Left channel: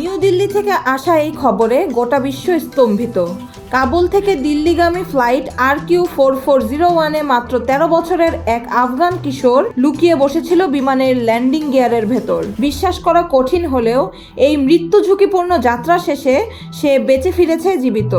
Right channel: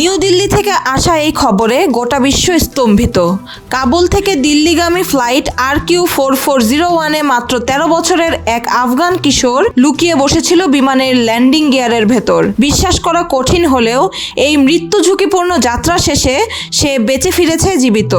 New Delhi থেকে আসা এই খবরে গোটা বিশ্ব স্তম্ভিত। কাবুল থেকে দিল্লিগামী flight R Q four four zero ওয়ানে মাত্র তেরো বছরের এক আফগান কিশোর লুকিয়ে বসেছিল বিমানের ল্যান্ডিং গিয়ারের ভেতর। বিশ্বাস করা কঠিন হলেও এই মৃত্যু ঝুঁকিপূর্ণ যাত্রা শেষে সে বেঁচে ফিরেছে জীবিত।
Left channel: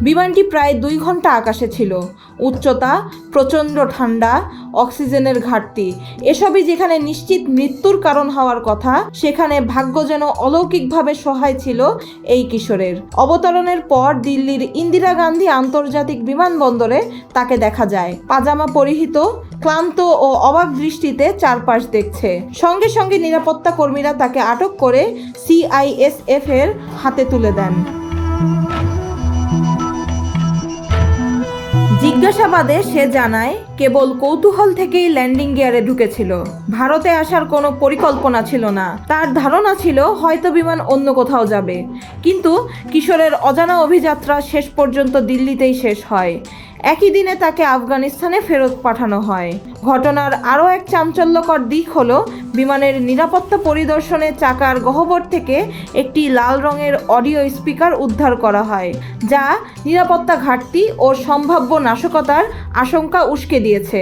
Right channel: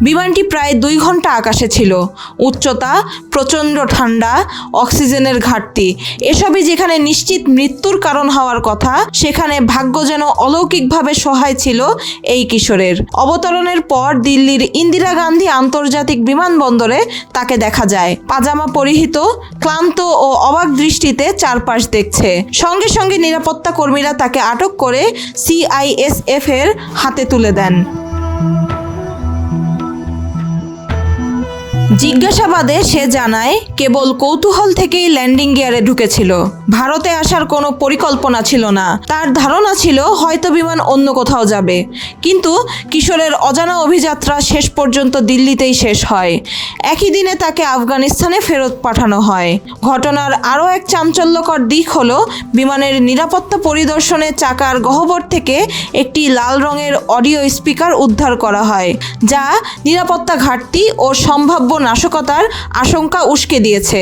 বিমানটি প্রায় দুই ঘণ্টা আকাশে ছিল। উচ্চতা, প্রচণ্ড ঠান্ডা, অক্সিজেনের ঘাটতি। এসবই যেখানে নিশ্চিত মৃত্যুর কারণ হওয়ার কথা, সেখানে ভাগ্য যেন অলৌকিকভাবে সহায় ছিল এই কিশোরের। অবতরণের পর দিল্লির ইন্দিরা গান্ধী আন্তর্জাতিক বিমানবন্দরে তাকে দেখা যায়। পাজামা পরিহিত, ক্লান্ত ও অবাক দৃষ্টিতে চারপাশ দেখছে। সঙ্গে সঙ্গে নিরাপত্তা কর্মীরা তাকে আটক করে সিআইএসএফ এর হাতে তুলে দেন। জিজ্ঞাসাবাদে সে জানায়, কেবল কৌতূহল থেকেই ল্যান্ডিং গিয়ারে ঢুকেছিল। ভারতে আসার কোনো পরিকল্পনা ছিল না। তার ধারণা ছিল, হয়তো বিমান অন্য কোথাও যাবে। কিন্তু কিশোরের অজানা অভিযাত্রা শেষ পর্যন্ত দিল্লিতেই শেষ হয়। একই দিনে তাকে আফগানিস্তানে ফেরত পাঠানো হয়। ঘটনার আরও এক চাঞ্চল্যকর দিক হলো, বিমানের নিরাপত্তা পরিদর্শনে চাকার গহ্বর থেকে একটি লাল রঙের অডিও স্পিকার উদ্ধার করা হয়, যা নিরাপত্তা ঘাটতি ও সম্ভাব্য নাশকতার আশঙ্কা উস্কে দিয়েছে।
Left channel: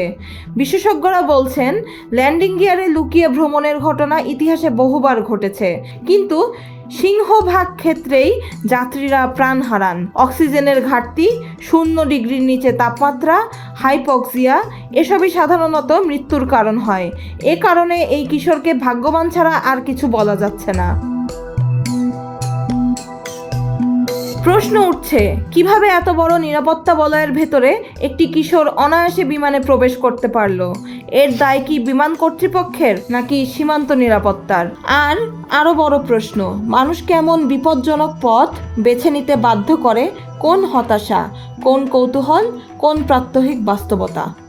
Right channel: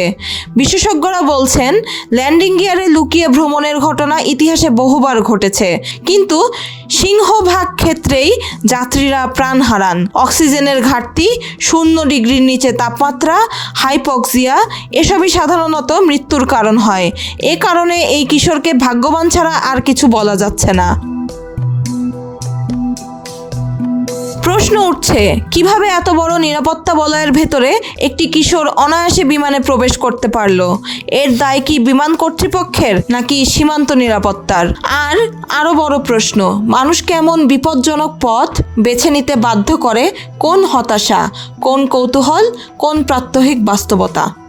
বিশেষজ্ঞরা বলছেন, ল্যান্ডিং গিয়ারে লুকিয়ে ভ্রমণের ঘটনা ইতিহাসে বহুবার ঘটেছে, কিন্তু সিংহভাগ ক্ষেত্রেই যাত্রীরা প্রাণ হারান। অক্সিজেনের ঘাটতি, শূন্য ডিগ্রির নিচে তাপমাত্রা, হাইপক্সিয়া, এসবই সাধারণত মৃত্যুর কারণ হয়। এ কারণে এই কিশোরকে ভাগ্যবান ছাড়া আর কিছু বলা যাচ্ছে না। প্রশ্ন উঠছে, কীভাবে এত বড় নিরাপত্তা বলয়ের ভেতরে একটি কিশোর অনায়াসে বিমানে প্রবেশ করতে পারল? এর দায় কি বিমান কর্তৃপক্ষের, নাকি সীমান্ত নিরাপত্তার? আর আরও বড় প্রশ্ন মানুষকে এমন বিপজ্জনক পথ বেছে নিতে বাধ্য করে? কোন হতাশা, কোন কৌতূহল, কোন প্রাত্যহিক বাস্তবতা?